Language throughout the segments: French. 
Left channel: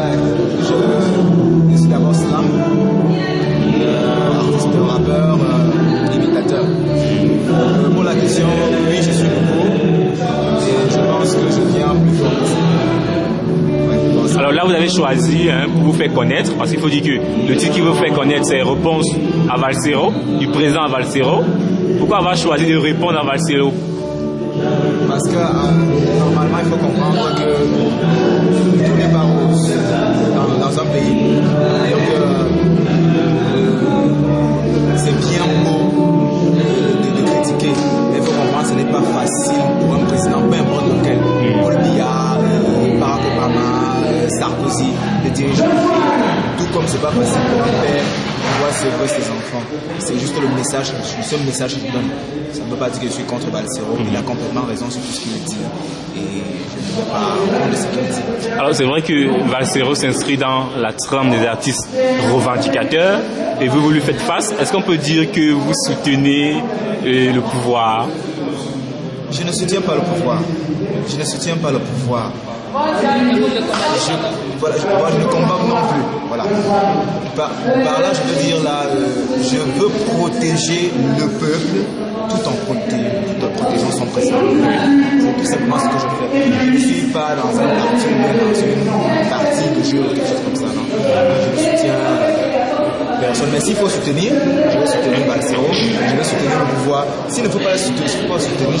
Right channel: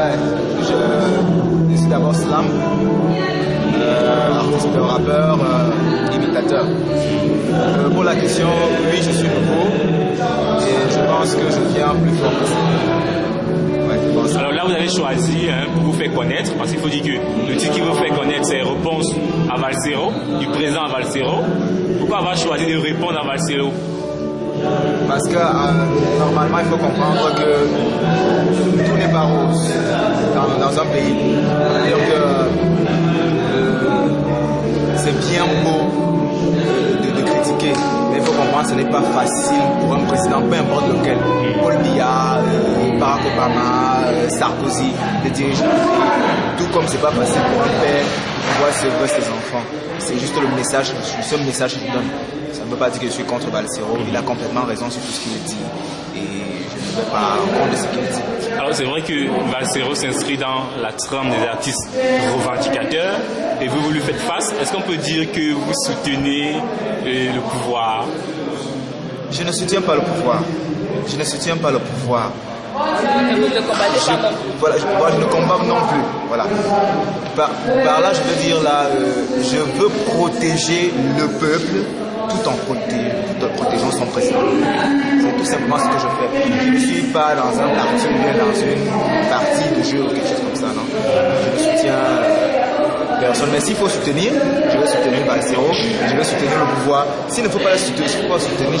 Ouais, je suis d'abord slam, artiste, rappeur, imitateur. Pour la question, oui, je suis nouveau et je pense que je viens plus fort que ça. Ouais, alors là, vous avez choisi pour vous faire connaître, parce qu'il faut dire que le titre qui vous fait connaître, c'est Réponse à Valsero, du présent à Valsero. Pourquoi avoir choisi de répondre à Valsero? Parce que normalement, il faut comprendre que tout n'est pas rose dans un pays. Donc, c'est bien beau de critiquer, mais il faut comprendre que ce n'est pas facile pour un président, peu importe lequel. Paul Biya, Barack Obama, Sarkozy, de diriger le pays. Tout comme c'est pas facile pour un père de voir ses enfants. C'est juste le message, le seul message qu'il donne. Ça ne veut pas dire que je suis contre Valsero. Il a complètement raison sur tout ce qu'il dit. Et je ne veux pas contre ce qu'il dit. Alors c'est vrai que Valsero s'inscrit dans la trame des artistes revendicateurs. Et vous lui faites face. Est-ce qu'on peut dire que vous soutenez le pouvoir? Je ne soutiens pas le pouvoir. Je ne soutiens pas le pouvoir. Je ne combats non plus. Voilà. Par là, je veux dire là, je veux protéger le peuple tout en protégeant son président. C'est tout simplement ce que je fais. Je ne suis pas dans un parti ou bien dans une partie de jeu ou quelque chose comme ça. Non. Je ne soutiens personne. Mais s'il faut soutenir, je vais soutenir Valsero, je vais soutenir le pouvoir. S'il ne faut pas soutenir, je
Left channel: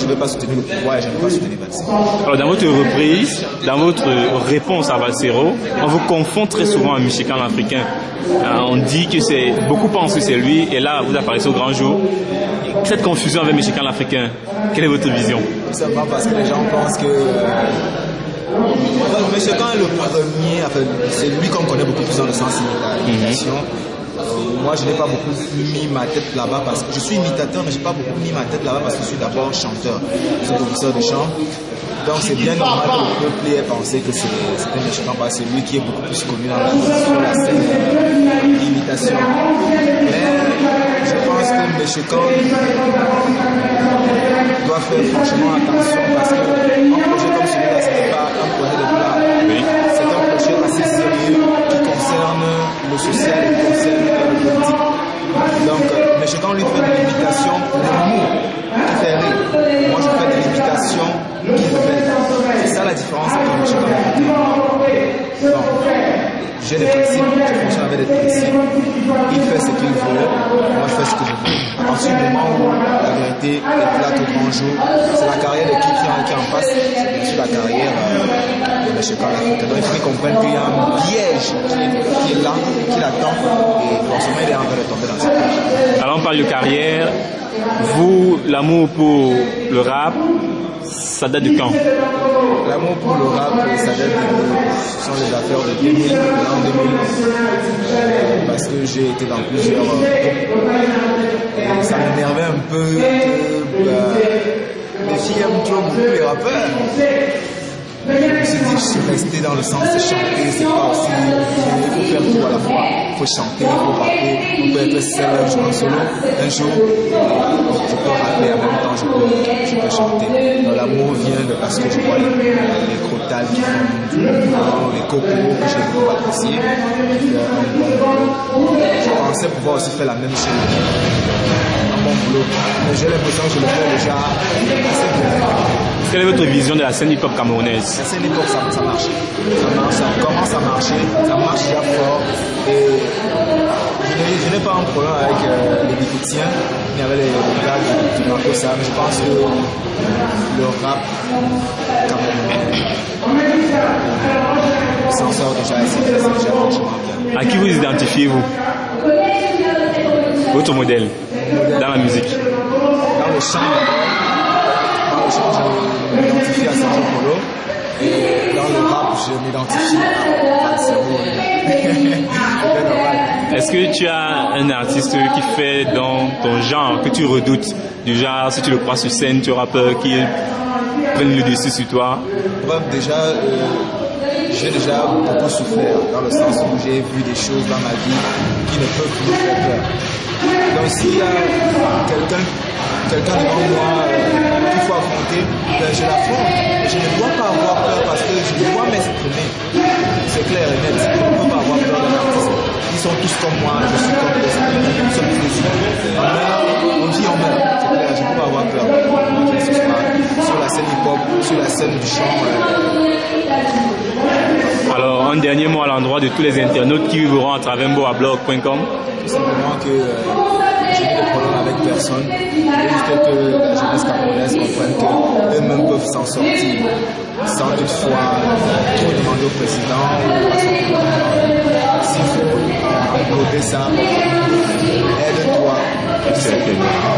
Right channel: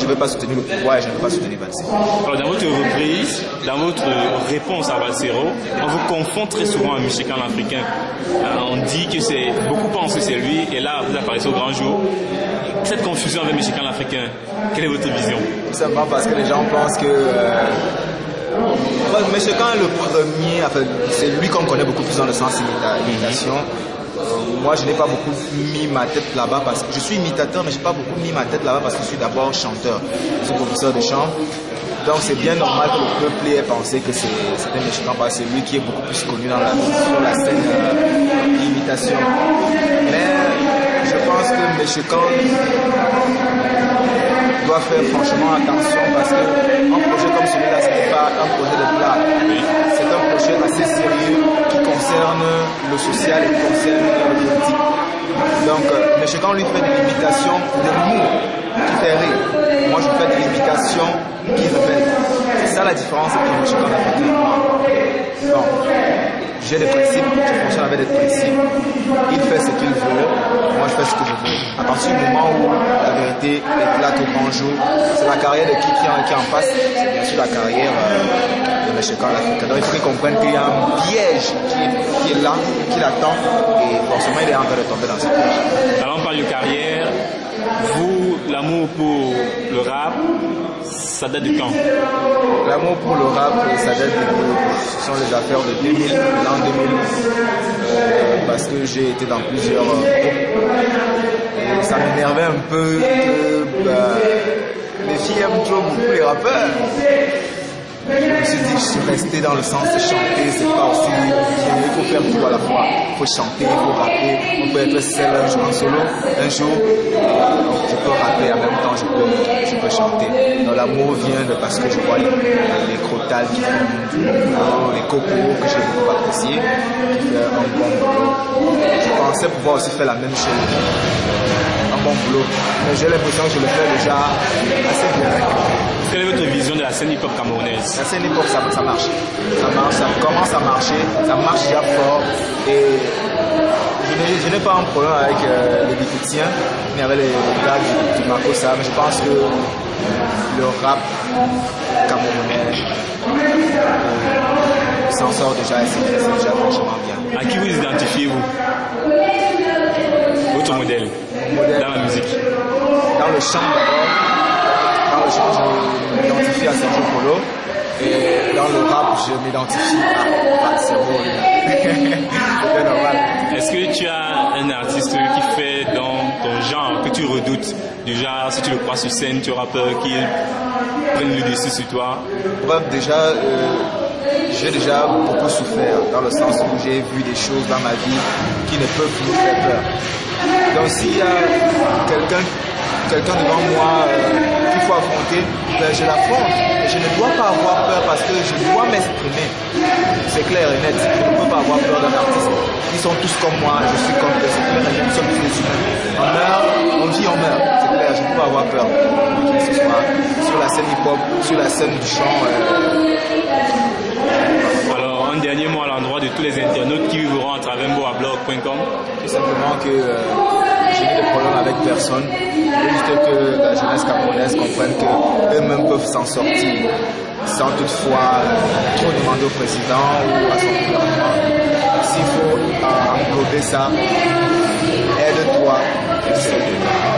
ne vais pas soutenir le pouvoir et je ne vais pas soutenir Valsero. Alors dans votre reprise, dans votre réponse à Valsero, on vous confond très souvent à Michigan l'Africain. On dit que c'est beaucoup pensent que c'est lui et là vous apparaissez au grand jour. Cette confusion avec Michigan l'Africain, quelle est votre vision? Tout simplement parce que les gens pensent que Michigan est le premier, enfin, c'est lui qu'on connaît beaucoup plus dans le sens imitation. Moi, je n'ai pas beaucoup mis ma tête là-bas parce que je suis imitateur, mais je n'ai pas beaucoup mis ma tête là-bas parce que je suis d'abord chanteur. Je suis professeur de chant. Donc, c'est bien normal que le peuple ait pensé que c'est un Michigan parce que c'est lui qui est beaucoup plus connu sur la scène imitation. Mais je pense que Michigan doit faire franchement attention parce qu'un projet comme celui-là, ce n'est pas un projet de blague. Oui. C'est un projet assez sérieux qui concerne le social et qui concerne le politique. Donc, Michigan lui fait de l'imitation de l'humour qui fait rire. Moi, je fais de l'imitation qui révèle. C'est ça la différence entre Michigan et l'Africain. Bon, j'ai des principes, je fonctionne avec des principes. Il fait ce qu'il veut, moi je fais ce que je veux. À partir du moment où la vérité éclate au grand jour, c'est la carrière de qui en passe, c'est bien sûr la carrière de Michigan l'Africain. Donc il faut qu'ils comprennent qu'il y a un piège qui est là, qui l'attend, et forcément il est en train de tomber dans ce piège. Alors on parle de carrière, vous, l'amour pour le rap, ça date de quand? L'amour pour le rap, ça date ce sont les affaires de 2000, l'an 2000, parce que j'ai été dans plusieurs groupes. Et ça m'énervait un peu que les filles aiment trop beaucoup les rappeurs. Je me suis dit que je suis resté dans le sens de chanter, c'est pas aussi bien, il faut faire tout à la fois. Il faut chanter, il faut rapper, on peut être seul un jour en solo, un jour, je peux rapper en même temps, je peux chanter. Donc l'amour vient de parce que je vois les crotales qui font du bon boulot, les cocos que j'ai beaucoup apprécié, qui font un bon boulot. Je pensais pouvoir aussi faire la même chose, un bon boulot, mais j'ai l'impression que je le fais déjà assez bien. Quelle est votre vision de la scène hip-hop camerounaise? La scène hip-hop, ça marche. Ça marche, ça commence à marcher, ça marche déjà fort. Et je n'ai pas un problème avec les Bikitiens, ni avec les gars du Makossa, mais je pense que le rap camerounais s'en sort déjà et c'est déjà franchement bien. À qui vous identifiez-vous? Votre modèle dans la musique? Dans le chant d'abord. Dans le chant, je m'identifie à Sergio Polo. Et dans le rap, je m'identifie à Valsero. C'est normal. Est-ce que tu as un artiste qui fait dans ton genre, que tu redoutes? Du genre, si tu le crois sur scène, tu auras peur qu'il prenne le dessus sur toi? Bref, déjà, j'ai déjà beaucoup souffert, dans le sens où j'ai vu des choses dans ma vie qui ne peuvent plus me faire peur. Donc s'il y a quelqu'un devant moi qu'il faut affronter, ben je l'affronte. Je ne dois pas avoir peur parce que je dois m'exprimer. c'est clair et net. Je ne peux pas avoir peur d'un artiste. Ils sont tous comme moi, je suis comme eux, c'est clair et net. Nous sommes tous les humains. On meurt, on vit, on meurt. C'est clair, je ne peux pas avoir peur de qui que ce soit. Sur la scène hip-hop, sur la scène du chant. Alors, un dernier mot à l'endroit de tous les internautes qui vivront à travers mboablog.com. Tout simplement que je n'ai de problème avec personne. Je veux juste que la jeunesse camerounaise comprenne qu'eux-mêmes peuvent s'en sortir sans toutefois trop demander au président ou à son gouvernement. S'il faut englober ça, aide-toi. Excellent.